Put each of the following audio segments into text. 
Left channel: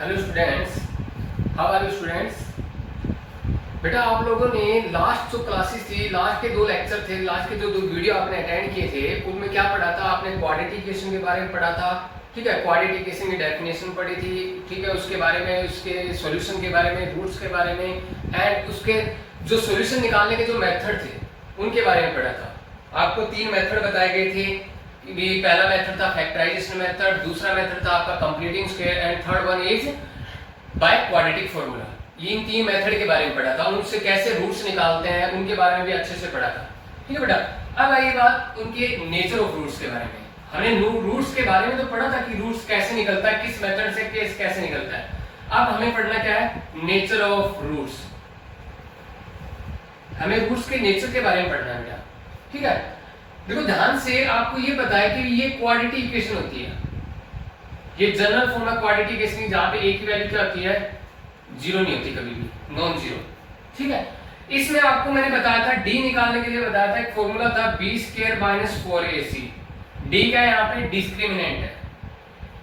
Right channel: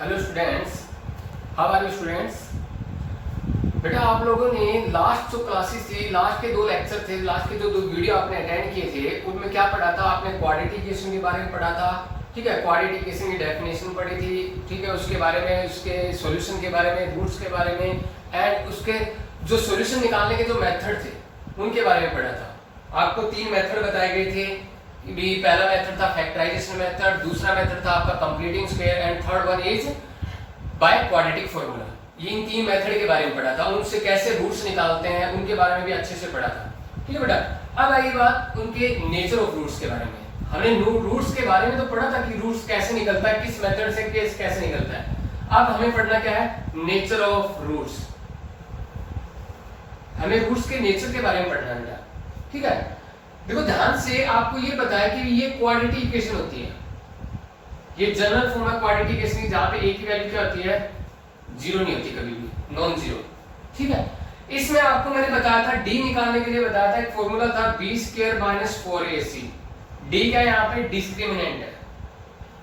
Hello students, how are you students. बेटा आप लोगों ने लास्ट जो क्लासेस थी, लास्ट के 2 लेक्चर थे, लास्ट के जो 2 वीडियो आपने अटेंड किए थे, उनमें क्या पढ़ा था आपने? क्वाड्रेटिकेशन के बारे में पढ़ा था। ठीक है, क्वाड्रेटिकेशन की डेफिनेशन पढ़ी थी। ठीक है, उसके बारे में, उसके सॉल्यूशन के बारे में, रूट्स के बारे में एंड उसके जो सॉल्यूशन निकालने के जो मेथड थे उनके बारे में पढ़ा था। आपको 3 मेथड बताए गए थे। पहला मेथड था फैक्टराइजेशन मेथड, दूसरा मेथड था आपका completing square and third one is by quadratic formula. ये इन 3 मेथड के बारे में पढ़ा था। उनसे कैसे रूट्स निकालते हैं उनके बारे में भी अच्छे से पढ़ा था। ठीक है बेटा, अब आई बात उनके नेचर ऑफ रूट्स के बारे में। हमने रूट्स के बारे में तो पढ़ा था कि रूट्स कैसे निकलता है, किस मेथड से कैसे निकलता है। अब हमें पढ़ना क्या है? Nature of roots. हमें रूट्स के नेचर के बारे में पढ़ना है बेटा। ठीक है, देखो ध्यान से, आपको ये पता है कि ये क्वाड्रेटिक इक्वेशन होती है। ये जनरल फॉर्म है क्वाड्रेटिक इक्वेशन, जहां पे a की वैल्यू क्या होती है? 0 नहीं होती, कभी भी नॉन जीरो। ठीक है, इसमें आपको मैंने बताया था d निकालने के लिए बताया था, एक फॉर्मूला था b² - 4ac। d क्या है यहाँ पे? डिस्क्रिमिनेंट है।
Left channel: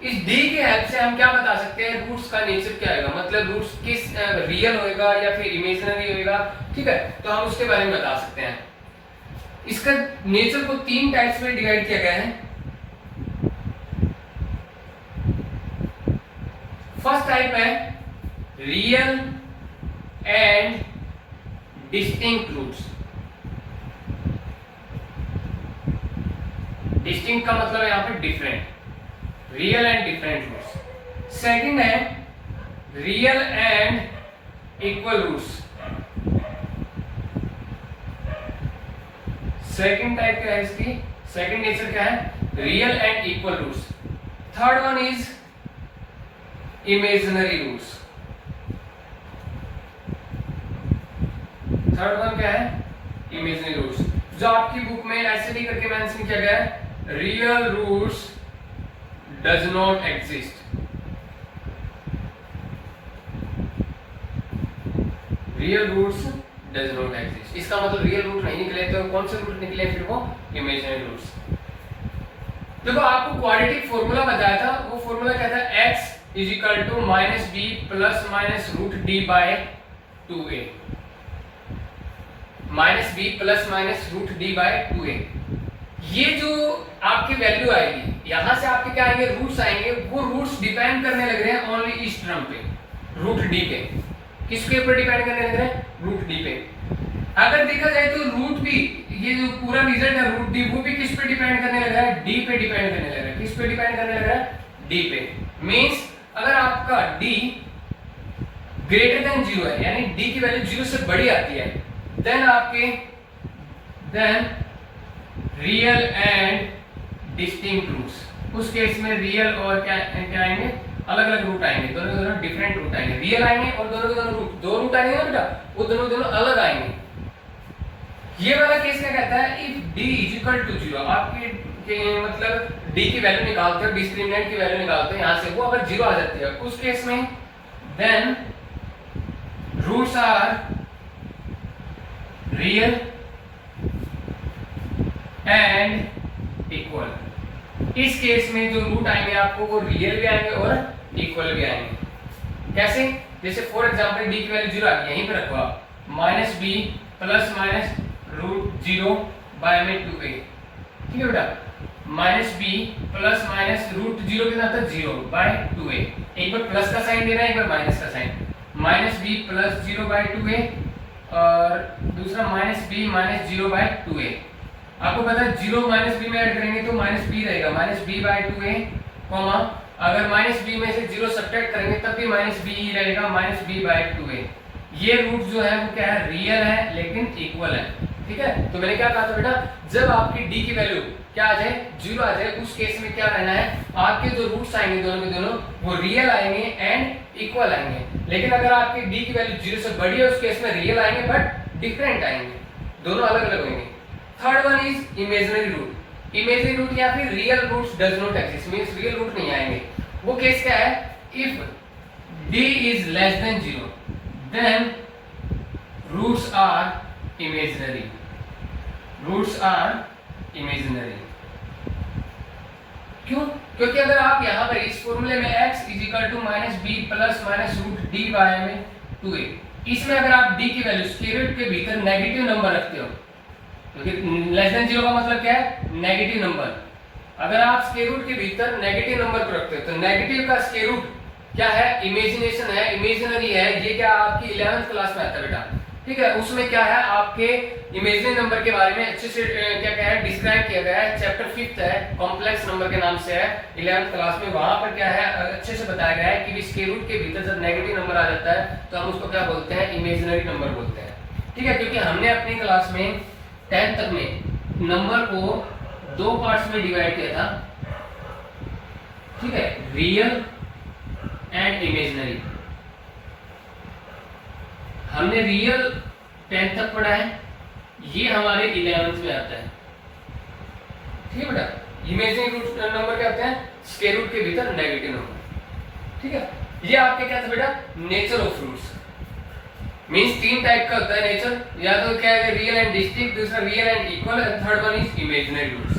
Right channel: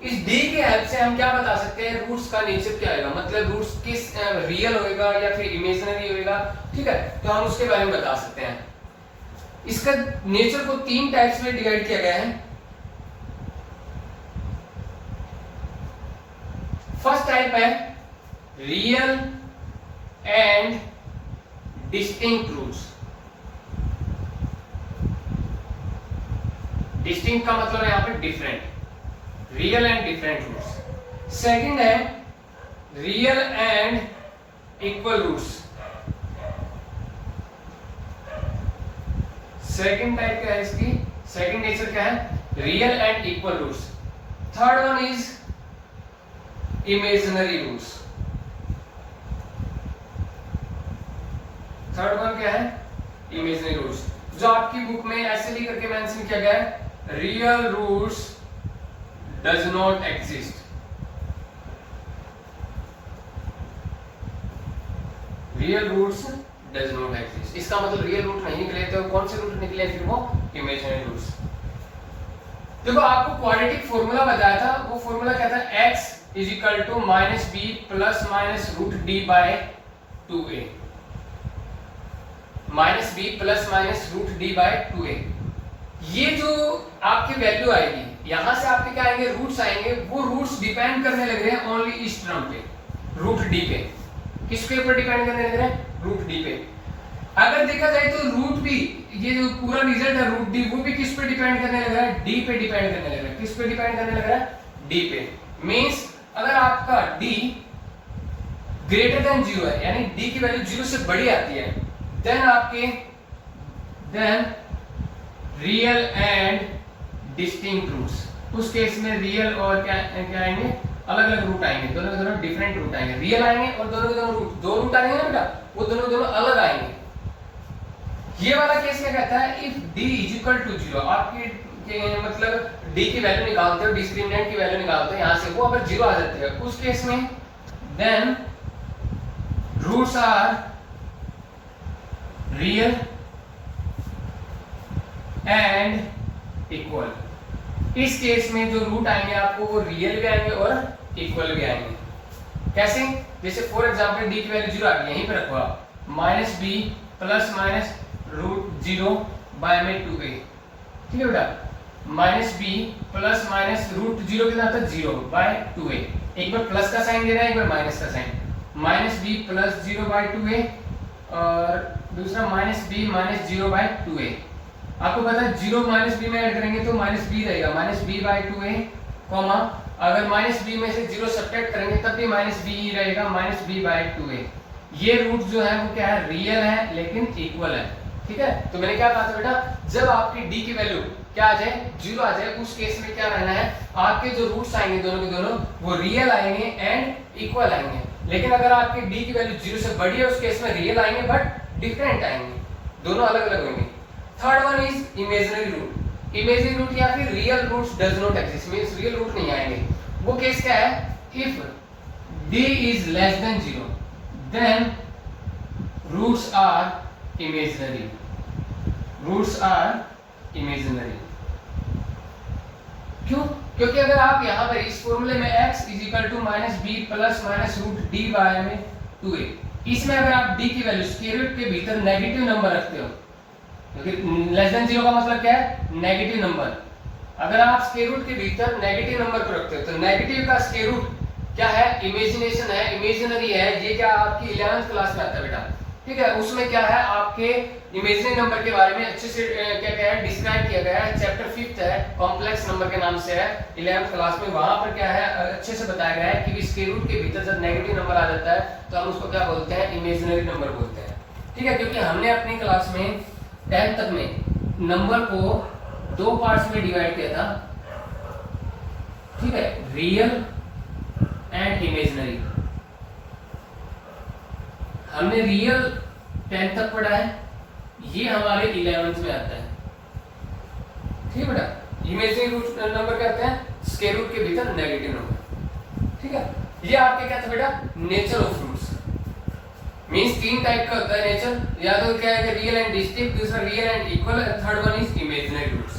इस d के हेल्प से हम क्या बता सकते हैं? रूट्स का नेचर क्या होगा, मतलब रूट्स किस रियल होएगा या फिर इमेजिनरी होएगा। ठीक है, तो हम उसके बारे में बता सकते हैं। इसका नेचर को 3 टाइप्स में डिवाइड किया गया है। फर्स्ट टाइप है real and distinct roots. Distinct का मतलब है यहां पे different, real and different roots. Second है real and equal roots. Second type क्या है इसकी? सेकंड नेचर क्या है? Real and equal roots. Third one is imaginary roots. Third one क्या है? इमेजिनरी रूट्स, जो आपकी बुक में ऐसे भी करके मेंशन किया गया है, real roots does not exist. Real roots does not exist, इसका मतलब रियल रूट नहीं निकले, तो कौन से रूट निकले फिर? वो इमेजिनरी रूट्स। देखो आपको क्वाड्रेटिक फॉर्मूला बताया था, वो फॉर्मूला क्या था? x is equal to -b plus minus root D by 2a। -b plus minus root D by 2a। ये जो आपकी वैल्यू आएगी, यहां से आपके क्या आएंगे? रूट्स आएंगे। वो रूट्स डिपेंड करने लग रहे हैं ओनली इस टर्म पे, रूट डी पे। किसके ऊपर डिपेंड करने लग रहे हैं? रूट डी पे। अगर देखा जाए तो रूट भी, ये जो पूरा रिजल्ट है रूट डी, वो भी किस पे डिपेंड करने लग रहा है? डी पे डिपेंड करने लग रहा है। किस पे डिपेंड करने लग रहा है? डी पे। मींस अगर आपका d ग्रेटर देन 0 है, यानी d की वैल्यू 0 से बड़ी आती है, then real and distinct roots. उस केस में रियल और क्या आएंगे? अलग अलग रूट आएंगे, दोनों के दोनों डिफरेंट रूट आएंगे। रियल आएंगे और दोनों के दोनों रूट, 2 रूट आएंगे ना बेटा, वो दोनों दोनों अलग आएंगे। ये वाला केस क्या कहता है? If d is equal to 0, आपकी मतलब d की वैल्यू निकालते हो, डिस्क्रिमिनेंट की वैल्यू निकालते हो यहां से, वो अगर 0 आ जाती है उस केस में then roots are real and equal. इस केस में जो रूट आएंगे आपको, वो रियल भी आएंगे और इक्वल भी आएंगे। कैसे? जैसे फॉर एग्जांपल d की वैल्यू 0 आ गई, यहीं पे रखो आप, -b plus minus root 0 by में 2a। ठीक है बेटा, -b प्लस माइनस रूट 0 कितना था? 0 बाय 2a। एक बार प्लस का साइन देना है, एक बार माइनस का sign. -b plus 0 by 2a और दूसरा -b माइनस 0 बाय 2a। आपको पता है 0 -b में ऐड करेंगे तो -b रहेगा, -b बाय 2a, कॉमा अगर -b में से 0 सब्ट्रैक्ट करेंगे तब भी -b ही रहेगा, -b बाय 2a। ये रूट जो है वो क्या है? रियल है लेकिन इक्वल है। ठीक है, तो मैंने क्या कहा था बेटा, जब आपकी d की वैल्यू क्या आ जाए? 0 आ जाए, उस केस में क्या रहना है? आपके जो रूट्स आएंगे दोनों के दोनों, वो रियल आएंगे एंड इक्वल आएंगे। लेकिन अगर आपकी d की वैल्यू 0 से बड़ी है, उस केस में रियल आएंगे बट डिफरेंट आएंगे, दोनों अलग अलग होंगे। Third one is imaginary root. Imaginary root या फिर real roots does not exist, means real root नहीं आएंगे। वो केस क्या है? If d is less than 0 then roots are imaginary. Roots are imaginary. क्यों? क्योंकि अगर आप यहाँ पर इस फॉर्मूले में x is equal to minus B plus minus root D by में 2a, इसमें अगर आप d की वैल्यू स्क्वायर रूट के भीतर नेगेटिव नंबर रखते हो, क्योंकि लेस देन 0 का मतलब क्या है, नेगेटिव नंबर। अगर आप स्क्वायर रूट के भीतर नेगेटिव नंबर को रखते हो तो नेगेटिव का स्क्वायर रूट क्या है, इमेजिनेशन है, इमेजिनरी है। ये क्या आपकी 11th क्लास में आता है बेटा, ठीक है। उसमें क्या है, आपके इमेजिनरी नंबर के बारे में अच्छे से क्या है डिस्क्राइब किया गया है। चैप्टर 5th है, कॉम्प्लेक्स नंबर के नाम से है, 11th क्लास में। वहां पर क्या है अच्छे से बताया गया है कि स्क्वायर रूट के भीतर जब नेगेटिव नंबर आ जाता है तो हम उसको क्या बोलते हैं, इमेजिनरी नंबर बोलते हैं, ठीक है। क्योंकि हमने अपनी क्लास में 10th तक में नंबर को 2 पार्ट्स में डिवाइड किया था, ठीक है, रियल एंड इमेजिनरी। हमने रियल 10th तक पढ़ा है, ये हमारे 11th में आता है, ठीक है बेटा। इमेजिनरी रूट नंबर क्या होते हैं, स्क्वायर रूट के भीतर नेगेटिव नंबर, ठीक है। ये आपके क्या था बेटा, nature of roots. Means 3 type का होता है नेचर, या तो क्या है रियल एंड डिस्टिंक्ट, दूसरा real and equal, and third one is imaginary roots.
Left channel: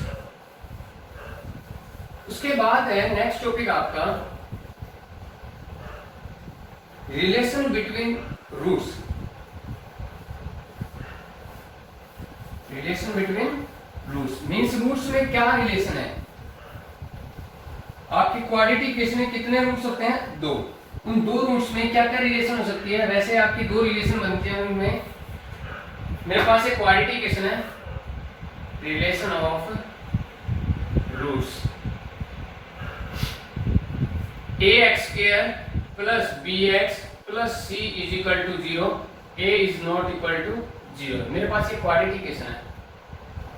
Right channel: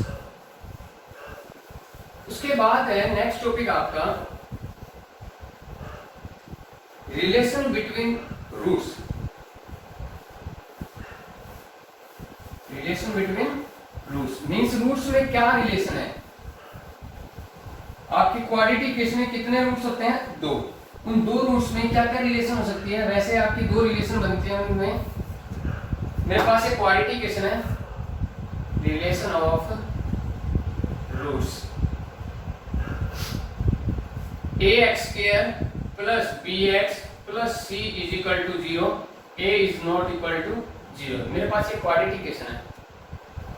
उसके बाद है नेक्स्ट टॉपिक आपका relation between roots. Relation between roots means roots में क्या रिलेशन है। आपकी क्वाड्रेटिक इक्वेशन में कितने रूट्स होते हैं, 2। उन 2 रूट्स में क्या क्या रिलेशन हो सकती है। वैसे आपकी 2 रिलेशन बनती है, उनमें मेरे पास एक क्वाड्रेटिक इक्वेशन है, relation of roots ax² plus bx plus c is equal to 0, a is not equal to 0। मेरे पास एक क्वाड्रेटिक इक्वेशन है,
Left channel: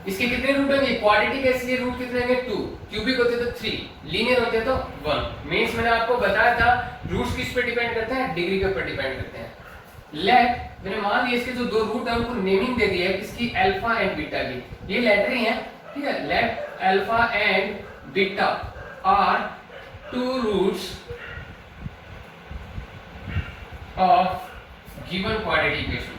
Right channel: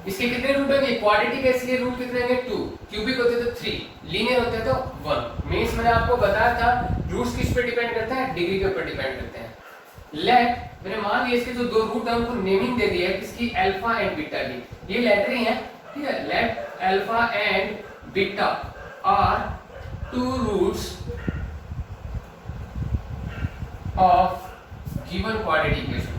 इसके कितने रूट होंगे, क्वाड्रेटिक इसके रूट कितने होंगे, 2, क्यूबिक होते तो 3, लीनियर होते तो 1। मींस मैंने आपको बताया था रूट्स किस पे डिपेंड करते हैं, डिग्री के ऊपर डिपेंड करते हैं। लेट मैंने मान लिया इसके जो 2 रूट है उनको नेमिंग दे दी है, किसकी, अल्फा एंड बीटा की। ये लेटर ही है, ठीक है। Let alpha and beta are 2 roots of given quadratic equation.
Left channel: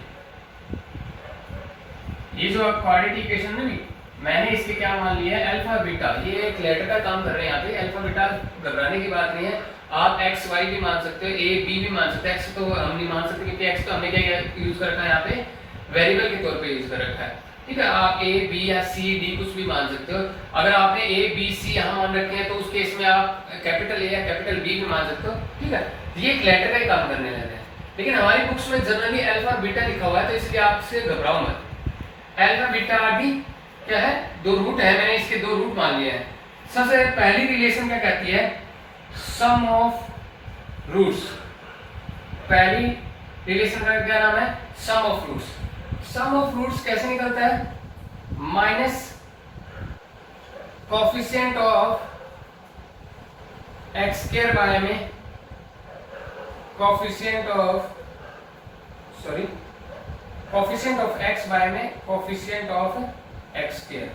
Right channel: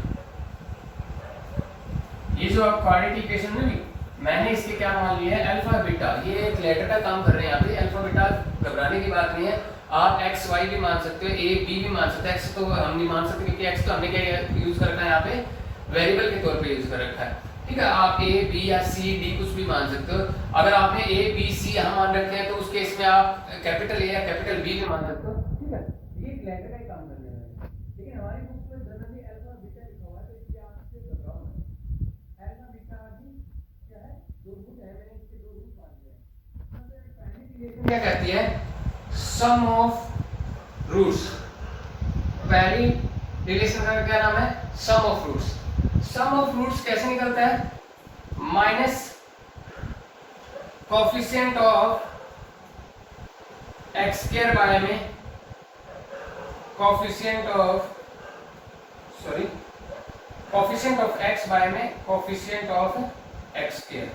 ये जो आप क्वाड्रेटिक इक्वेशन में भी मैंने इसके क्या मान लिया है, अल्फा बीटा। ये एक लेटर का काम कर रहे हैं यहाँ पे, अल्फा बीटा घबराने की बात नहीं है। आप एक्स वाई भी मान सकते हो, ए बी भी मान सकते हो। एक्स तो हम नहीं मान सकते क्योंकि एक्स तो हमने क्या यूज कर रखा है यहाँ पे, वेरिएबल के तौर पे यूज कर रखा है, ठीक है। आप ए बी या सी डी कुछ भी मान सकते हो। अगर आपने ए बी सी यहाँ मान रखे हैं तो उस केस में आप कैपिटल ए या कैपिटल बी भी मान सकते हो, ठीक है। ये एक लेटर का ही काम करने लगे हैं, लेकिन हमारी बुक्स में जनरली अल्फा बीटा लिखा हुआ है, तो इसलिए आपसे घबराओ मत। अल्फा बीटा आदि क्या है, 2 रूट है, मैंने इसके 2 रूट मान लिए हैं। सबसे पहली रिलेशन क्या कहती है, सम ऑफ रूट्स। पहली रिलेशन का क्या नाम है, sum of roots. Sum of roots कैसे निकलता है, minus coefficient of x square by में कोफिशिएंट ऑफ x बाय में कोफिशिएंट ऑफ x स्क्वायर,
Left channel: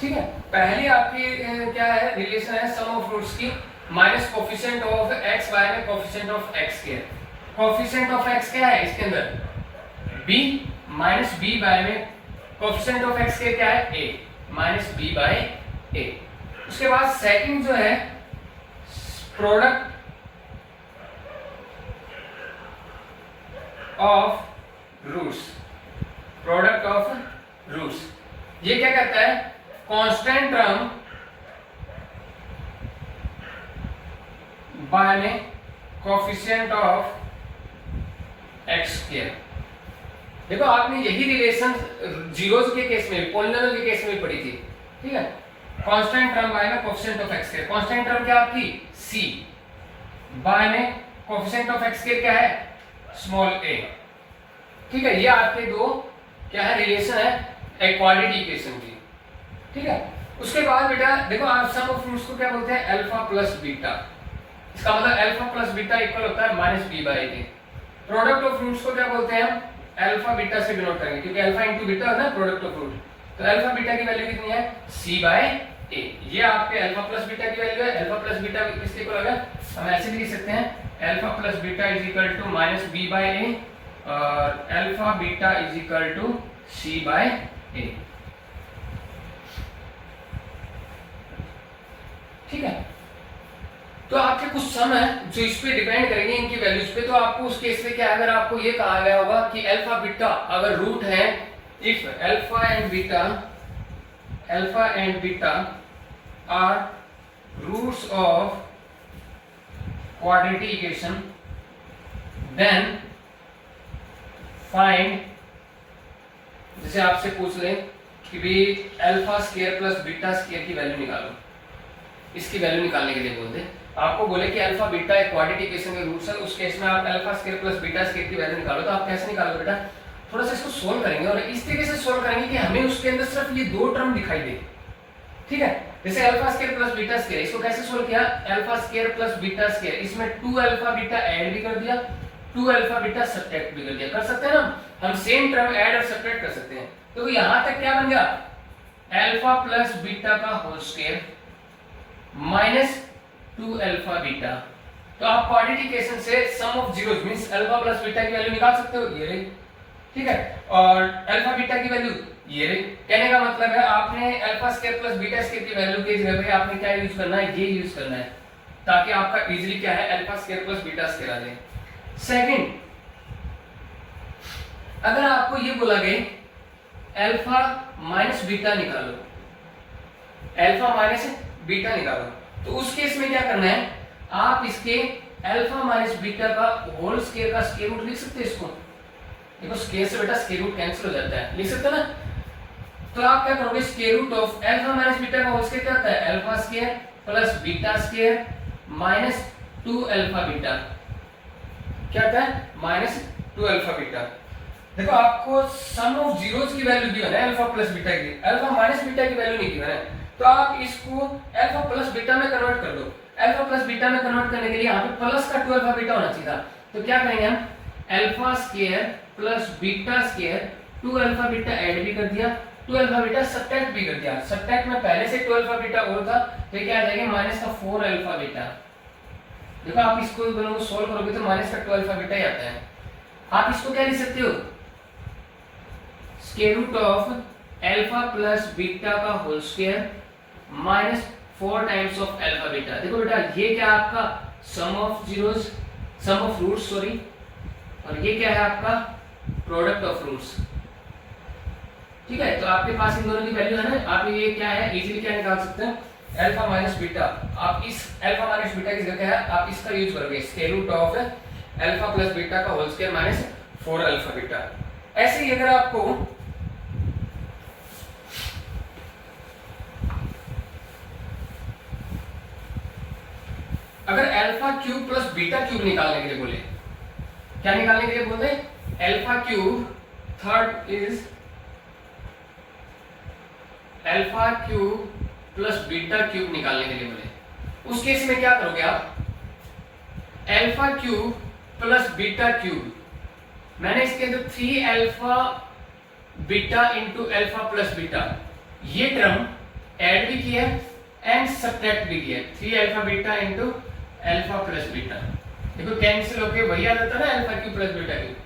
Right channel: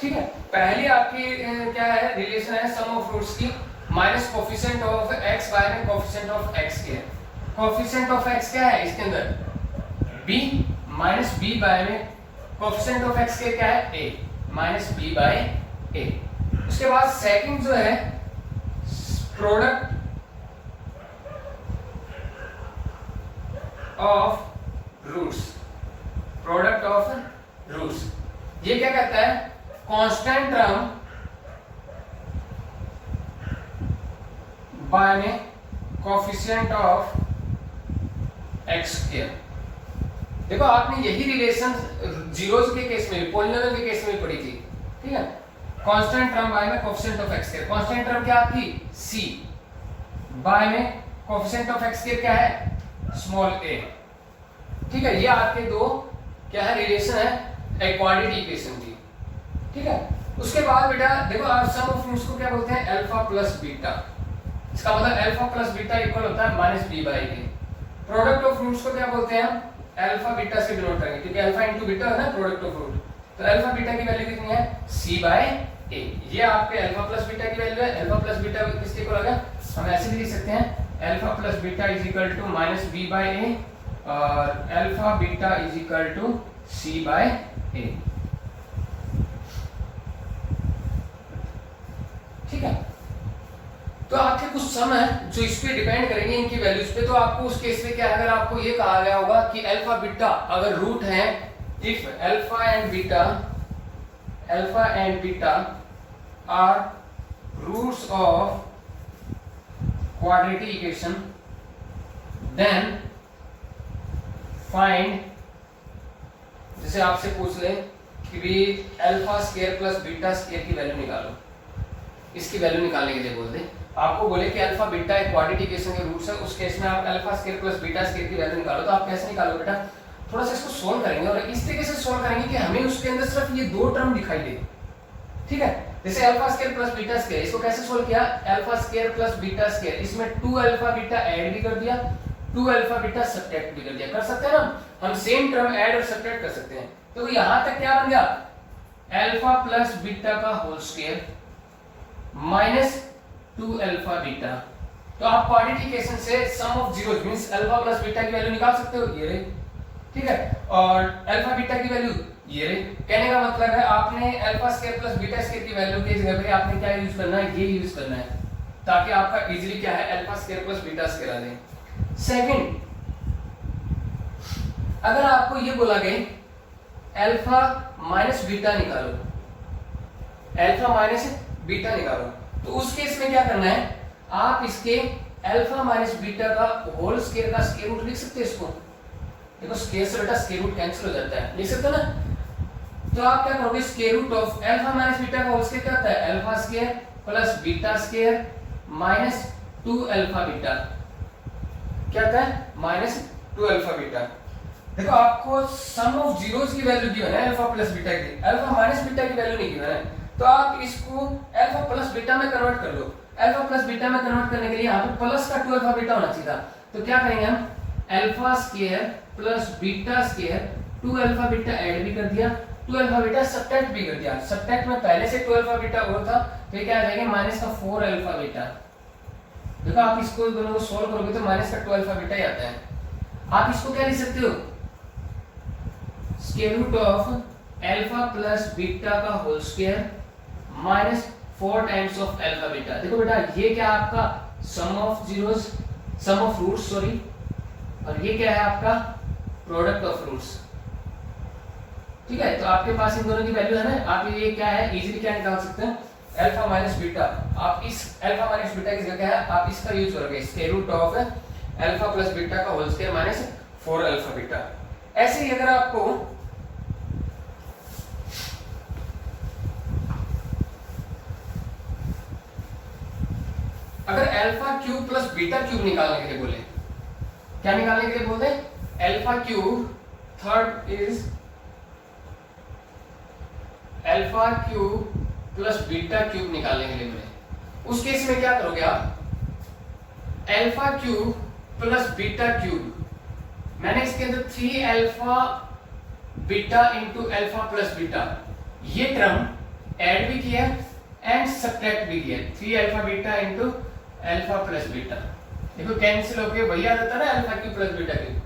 ठीक है। पहली आपकी क्या है रिलेशन है सम ऑफ रूट्स की, minus coefficient of x by में coefficient of x square. Coefficient of x क्या है इसके अंदर, b माइनस b बाय में कोफिशिएंट ऑफ x स्क्वायर क्या है, a minus b by a। उसके बाद सेकंड जो है product of roots. Product of roots ये क्या कहता है, कांस्टेंट टर्म बाय में कोफिशिएंट ऑफ एक्स स्क्वायर। देखो आपने यही रिलेशन जीरोस के केस में, पॉलिनोमियल के केस में पढ़ी थी, ठीक है। कांस्टेंट टर्म बाय में coefficient of x square. Constant term क्या आपकी c, बाय में कोफिशिएंट ऑफ एक्स स्क्वायर क्या है, स्मॉल a, ठीक है। ये आपके 2 क्या है रिलेशन है क्वाड्रेटिक इक्वेशन की, ठीक है। उसके बाद बेटा देखो आप सम ऑफ रूट्स को क्या बोलते हैं, अल्फा प्लस बीटा। इसका मतलब अल्फा प्लस बीटा इक्वल होता है minus b by a। Product of roots को क्या बोलते हैं, अल्फा बीटा से डिनोट करेंगे क्योंकि अल्फा इनटू बीटा है ना प्रोडक्ट ऑफ रूट। तो अल्फा बीटा की वैल्यू कितनी है, c बाय a। ये आपके अल्फा प्लस बीटा की वैल्यू है। अल्फा प्लस बीटा किसके इक्वल होगा, हम ऐसे भी लिख सकते हैं alpha plus beta is equal to minus b by a और alpha beta is equal to c by a। तो आपके कुछ सम है जो इस पे डिपेंड करेंगे इनकी वैल्यूज पे। तो आपको उस केस में क्या है, अगर आपको ये कहा गया होगा कि अल्फा बीटा अगर रूट है, if alpha and beta are roots of quadratic equation then find, जैसे आपसे पूछ ले कि भी alpha square plus beta square की वैल्यू निकालो, इसकी वैल्यू निकालने के लिए बोल दे, आपको बोले कि अल्फा बीटा एक क्वाड्रेटिक इक्वेशन के रूट्स है, उस केस में आप alpha square plus beta square की वैल्यू निकालो। तो आप कैसे निकालोगे बेटा, थोड़ा सा इसको सोल्व करेंगे और इस तरीके से सोल्व करेंगे कि हमें उसके अंदर सिर्फ ये दो टर्म दिखाई दे। ठीक है, जैसे alpha square plus beta square, इसको कैसे सोल्व किया, alpha square plus beta square, इसमें 2 अल्फा बीटा ऐड भी कर दिया, 2 अल्फा बीटा सब्ट्रैक्ट भी कर दिया। कर सकते हैं ना हम, सेम टर्म ऐड और सब्ट्रैक्ट कर सकते हैं। तो यहां तक क्या बन गया, अल्फा प्लस बीटा का whole square minus 2 alpha beta. तो आप क्वाड्रेटिक इक्वेशन से sum of zeros means alpha plus beta की वैल्यू निकाल सकते हो, ये रही। ठीक है, और अल्फा बीटा की वैल्यू ये रही। कहने का मतलब है आपने alpha square plus beta square की वैल्यू की जगह पे आपने क्या यूज करना है, ये यूज करना है, ताकि आपका इजीली क्या है alpha square plus beta square आ जाए। सेकंड, अगर आपको ये बोला गया अल्फा माइनस बीटा निकालो, अल्फा माइनस बीटा निकालो, तो उस केस में क्या करना है, आप इसके अल्फा माइनस बीटा का होल स्क्वायर का स्क्वायर रूट लिख सकते हैं। इसको देखो, स्क्वायर से बेटा स्क्वायर रूट कैंसिल हो जाता है, लिख सकते हो ना। तो आप क्या करोगे, square root of alpha minus beta का होल स्क्वायर क्या होता है, alpha square plus beta square minus 2 alpha beta, क्या होता है माइनस 2 अल्फा बीटा। देखो आपको सम ऑफ जीरोस की वैल्यू गिवन है अल्फा प्लस बीटा की, अल्फा माइनस बीटा की वैल्यू नहीं गिवन है, तो आप इसको अल्फा प्लस बीटा में कन्वर्ट कर दो। अल्फा प्लस बीटा में कन्वर्ट करने के लिए यहाँ पे प्लस का 2 अल्फा बीटा होना चाहिए था। तो क्या करेंगे हम, alpha square plus beta square, 2 alpha beta add भी कर दिया, 2 अल्फा बीटा सब्ट्रैक्ट भी कर दिया। सब्ट्रैक्ट में पहले से 2 अल्फा बीटा और था, तो ये क्या आ जाएगा माइनस का 4 अल्फा बीटा। देखो आप इसको दोनों को सोल्व करोगे तो माइनस का 2 अल्फा बीटा ही आता है। आप इसको क्या लिख सकते हो, square root of alpha plus beta का whole square minus 4 times of alpha beta. देखो बेटा ये क्या आपका sum of zeros, sum of roots sorry, और ये क्या है आपका प्रोडक्ट ऑफ रूट्स। ठीक है, तो आपके पास इन दोनों की वैल्यू है ना, आप ये क्या है इजीली क्या निकाल सकते हैं, अल्फा माइनस बीटा। आप इस अल्फा माइनस बीटा की जगह है आप इसका यूज करोगे, square root of alpha plus beta का whole square minus 4 alpha beta. ऐसे ही अगर आपको अगर alpha cube plus beta cube निकालने के लिए बोले, क्या निकालने के लिए बोलते हैं, alpha cube, third is alpha cube plus beta cube निकालने के लिए बोले, उस केस में क्या करोगे आप, alpha cube plus beta cube, मैंने इसके अंदर 3 alpha beta into alpha plus beta ये टर्म ऐड भी किया एंड सब्ट्रैक्ट भी किया, 3 alpha beta into alpha plus beta. देखो कैंसिल होके वही आ जाता है ना alpha cube plus beta cube.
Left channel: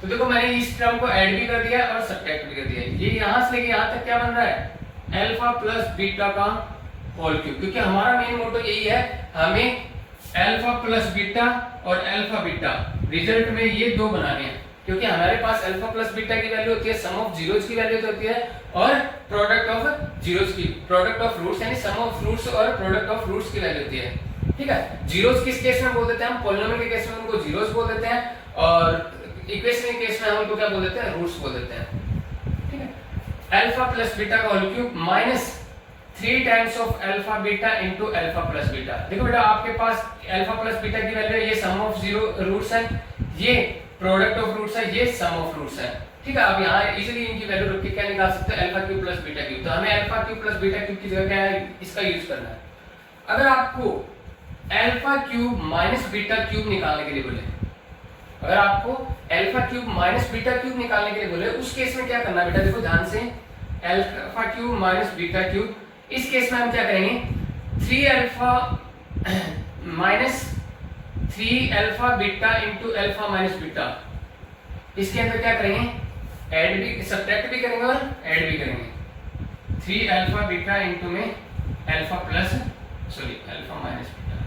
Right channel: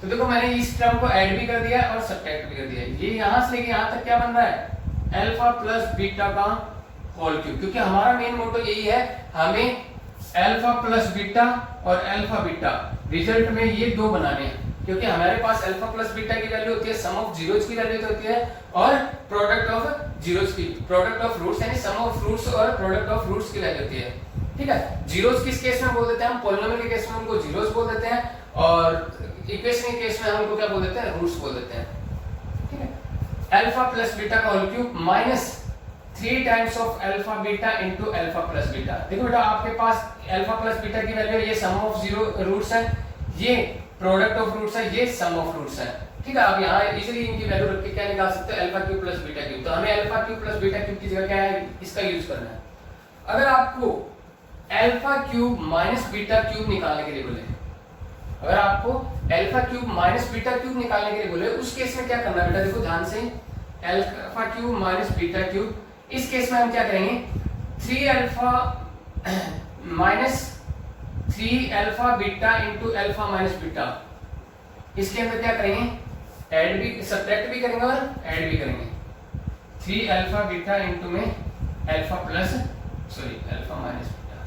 तो देखो मैंने इस टर्म को ऐड भी कर दिया और सब्ट्रैक्ट भी कर दिया। ये यहां से लेके यहां तक क्या बन रहा है, अल्फा प्लस बीटा का होल क्यूब, क्योंकि हमारा मेन मोटो यही है, हमें अल्फा प्लस बीटा और अल्फा बीटा रिजल्ट में ये दो बनाने हैं, क्योंकि हमारे पास अल्फा प्लस बीटा की वैल्यू होती है सम ऑफ जीरोस की वैल्यू तो होती है, और प्रोडक्ट ऑफ जीरोस की, प्रोडक्ट ऑफ रूट्स यानी सम ऑफ रूट्स और प्रोडक्ट ऑफ रूट्स की वैल्यू होती है। ठीक है, जीरोस किस केस में बोल देते हैं हम, पॉलिनोमियल के केस में उनको जीरोस बोल देते हैं, और इक्वेशन के केस में हम उनको क्या बोल देते हैं, रूट्स बोल देते हैं। ठीक है, अल्फा प्लस बीटा का whole cube minus 3 times of alpha beta into alpha plus beta. देखो बेटा आपके पास अल्फा प्लस बीटा की वैल्यू है, ये सम ऑफ जीरो रूट्स है, ये प्रोडक्ट ऑफ रूट्स है, ये सम ऑफ रूट्स है। ठीक है, अब यहाँ इजीली इनकी वैल्यू रख के क्या निकाल सकते हैं, alpha cube plus beta cube. तो हमें alpha cube plus beta cube की जगह क्या है, इसका यूज करना है। अगर आपको alpha cube minus beta cube निकालने के लिए बोले, अगर आपको alpha cube minus beta cube निकालने के लिए बोले, उस केस में क्या करना है बेटा, देखो ध्यान से, alpha cube minus beta cube, इस केस में हम क्या करेंगे, 3 alpha minus 3 alpha beta into alpha minus beta, इसके अंदर क्या करेंगे, ऐड भी सब्ट्रैक्ट भी करेंगे और ऐड भी करेंगे। 3 अल्फा बीटा इंटू में alpha plus alpha minus beta,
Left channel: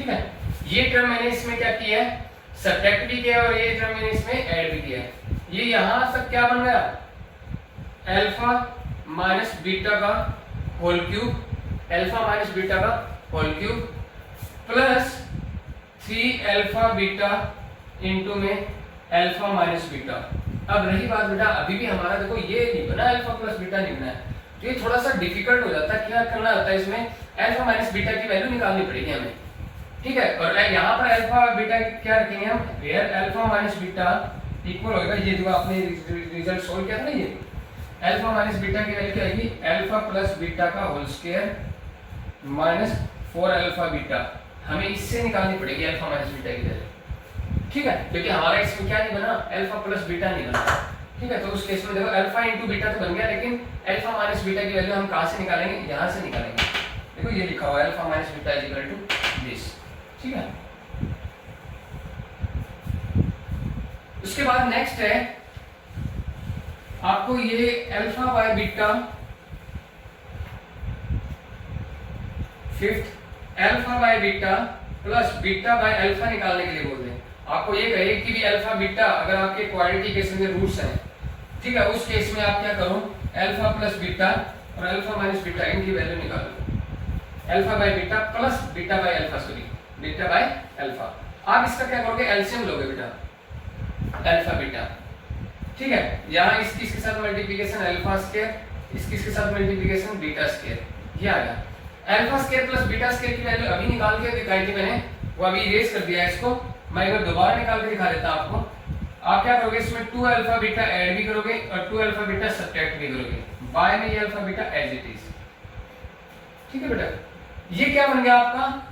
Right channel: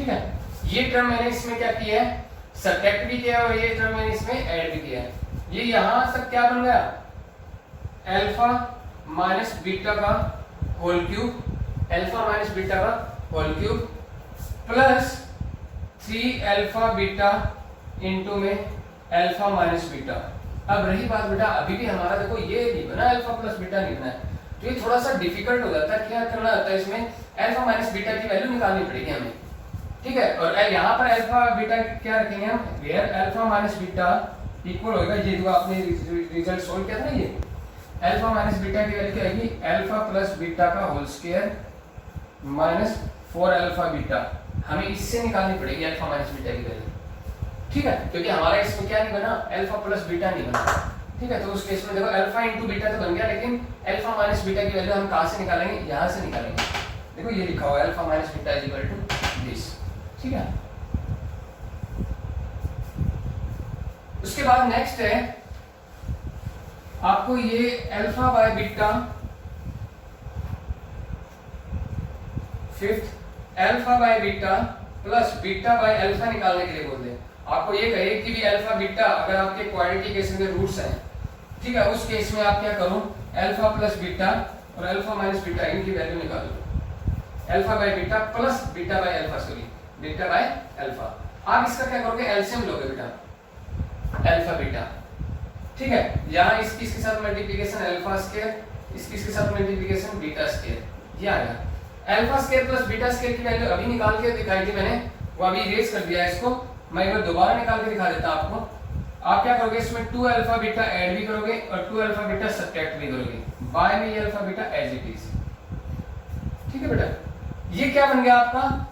ठीक है, ये टर्म मैंने इसमें क्या किया है, सब्ट्रैक्ट भी किया और ये टर्म मैंने इसमें ऐड भी किया है। ये यहां सब क्या बन गया, अल्फा माइनस बीटा का whole cube, alpha minus beta का whole cube plus 3 alpha beta into में अल्फा माइनस बीटा। अब रही बात बेटा, अभी भी हमारा देखो ये नहीं बना, अल्फा प्लस बीटा नहीं बना है, तो ये थोड़ा सा डिफिकल्ट हो जाता है। क्या करना होता है इसमें, अल्फा माइनस बीटा की वैल्यू निकालनी पड़ेगी हमें, ठीक है। और यहाँ पर अल्फा बीटा क्या रखेंगे हम, where alpha minus beta equal होगा, ये जो आपने रिजल्ट सोल्व किया था ना, ये अल्फा माइनस बीटा की वैल्यू क्या आएगी, अल्फा प्लस बीटा का whole square minus 4 alpha beta. हमें इससे निकालनी पड़ेगी अल्फा माइनस बीटा की वैल्यू, ठीक है, क्योंकि हमारा इसमें क्या नहीं बना, अल्फा प्लस बीटा नहीं बना, ठीक है। तो उस केस में देखो अल्फा इंटू बीटा तो बन गया, लेकिन अल्फा माइनस बीटा की वैल्यू हम कहां से निकालेंगे, यहां से निकालेंगे। देखो ये लिखा हुआ है alpha minus beta is equal to this, ठीक है। उसके बाद नेक्स्ट है आपको ये alpha by beta, fifth alpha by beta plus beta by alpha निकालने के लिए बोल दें। आपको ये कहे कि भी अल्फा बीटा अगर आपके क्वाड्रेटिक केस में रूट्स हैं, ठीक है, उस केस में आप क्या करो, अल्फा प्लस बीटा और अल्फा माइनस बीटा इनकी वैल्यू निकालो, alpha by beta plus beta by alpha, sorry beta by alpha. आप इसका क्या करोगे, एलसीएम लोगे बेटा, अल्फा बीटा, ठीक है। यहाँ इसकी इसके साथ मल्टीप्लिकेशन अल्फा स्क्वायर, इसकी इसके साथ मल्टीप्लिकेशन बीटा स्क्वायर, ये आ गया। Alpha square plus beta square की वैल्यू अभी निकाल के दिखाई थी मैंने, वो अभी इरेज कर दिया है इसको, मैं एक बार दोबारा निकाल के दिखा देता हूं आपको। आप क्या करोगे, इसमें 2 अल्फा बीटा ऐड भी करोगे और 2 अल्फा बीटा सब्ट्रैक्ट भी करोगे, बाय में ये alpha beta as it is, ठीक है बेटा। ये क्या बन गया आपका,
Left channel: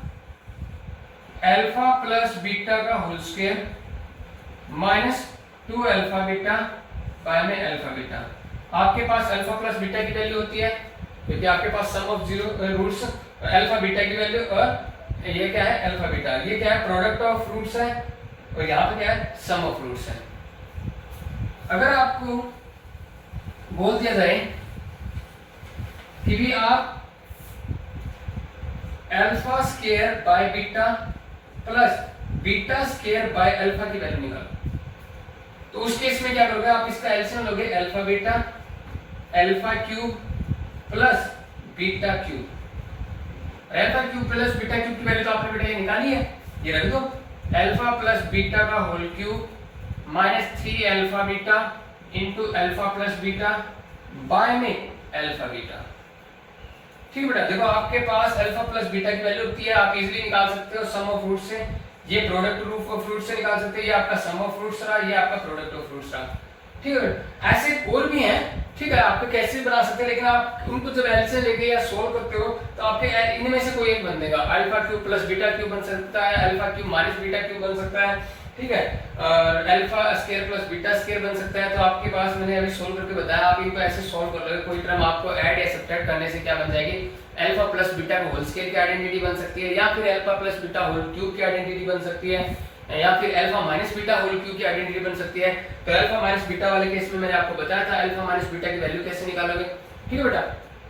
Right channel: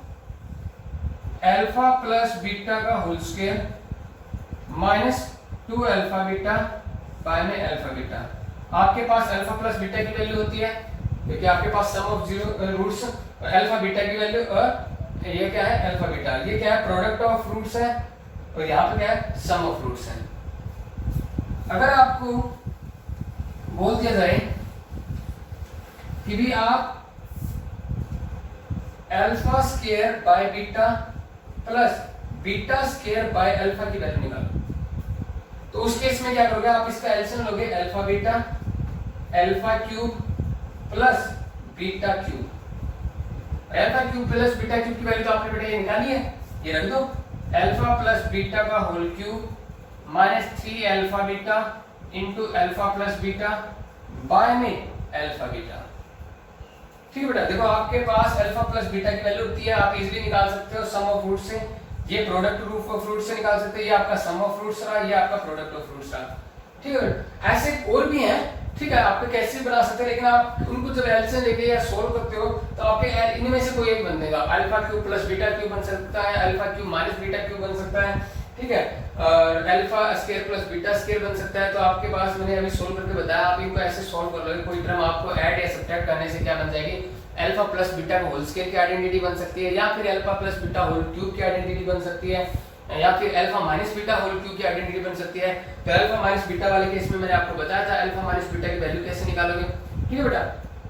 अल्फा प्लस बीटा का whole square minus 2 alpha beta by में अल्फा बीटा। आपके पास अल्फा प्लस बीटा की वैल्यू होती है, क्योंकि आपके पास sum of zero roots alpha beta की वैल्यू, और ये क्या है अल्फा बीटा, ये क्या है प्रोडक्ट ऑफ रूट्स है, और यहाँ पे क्या है सम ऑफ रूट्स है। अगर आपको बोल दिया जाए कि भी आप alpha square by beta plus beta square by alpha की वैल्यू निकालो, तो उस केस में क्या करोगे आप, इसका एलसीएम लोगे, alpha beta alpha cube plus beta cube. Alpha cube plus beta cube की वैल्यू तो आपने बेटा ये निकाली है, ये रख दो, अल्फा प्लस बीटा का whole cube minus 3 alpha beta into alpha plus beta by में अल्फा बीटा, ठीक है बेटा। देखो आपके पास अल्फा प्लस बीटा की वैल्यू होती है, आप इजीली निकाल सकते हो सम ऑफ रूट से, ये प्रोडक्ट ऑफ फ्रूट से निकाल सकते हैं, ये आपका सम ऑफ फ्रूट्स रहा, ये आपका प्रोडक्ट ऑफ फ्रूट्स रहा, ठीक है। ऐसे और भी हैं, ठीक है, आपको कैसे बना सकते हैं, लेकिन आप उनको जब एलसीएम लेके या सोल्व करते हो तो आपके इनमें से कोई एक बन देगा, alpha cube plus beta cube बन सकता है, alpha cube minus beta cube बन सकता है, ठीक है, alpha square plus beta square बन सकता है। तो आपके पास मैंने अभी सोल्व करके बताया, आप इनको ऐसे सोल्व कर लोगे, कोई टर्म आपको ऐड या सब्ट्रैक्ट करने से क्या बन जाएगी, अल्फा प्लस बीटा का होल स्क्वायर की आइडेंटिटी बन सकती है, या फिर alpha plus beta whole cube की आइडेंटिटी बन सकती है, या फिर alpha minus beta whole cube की आइडेंटिटी बन सकती है। तो अल्फा माइनस बीटा वाले केस में मैंने आपको बताया था अल्फा माइनस बीटा की वैल्यू कैसे निकालोगे, ठीक है बेटा,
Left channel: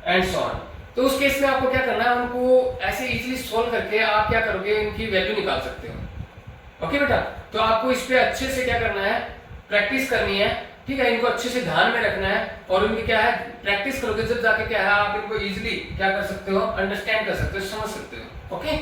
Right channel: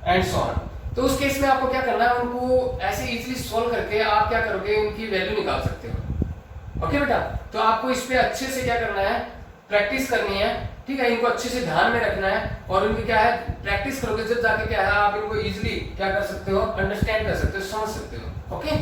एंड सो ऑन। तो उस केस में आपको क्या करना है, उनको ऐसे इजीली सोल्व करके आप क्या करोगे, इनकी वैल्यू निकाल सकते हो, ओके बेटा। तो आपको इस पे अच्छे से क्या करना है, प्रैक्टिस करनी है, ठीक है, इनको अच्छे से ध्यान में रखना है, और उनकी क्या है प्रैक्टिस करोगे जब जाके क्या है आप इनको इजीली क्या कर सकते हो, अंडरस्टैंड कर सकते हो, समझ सकते हो, ओके।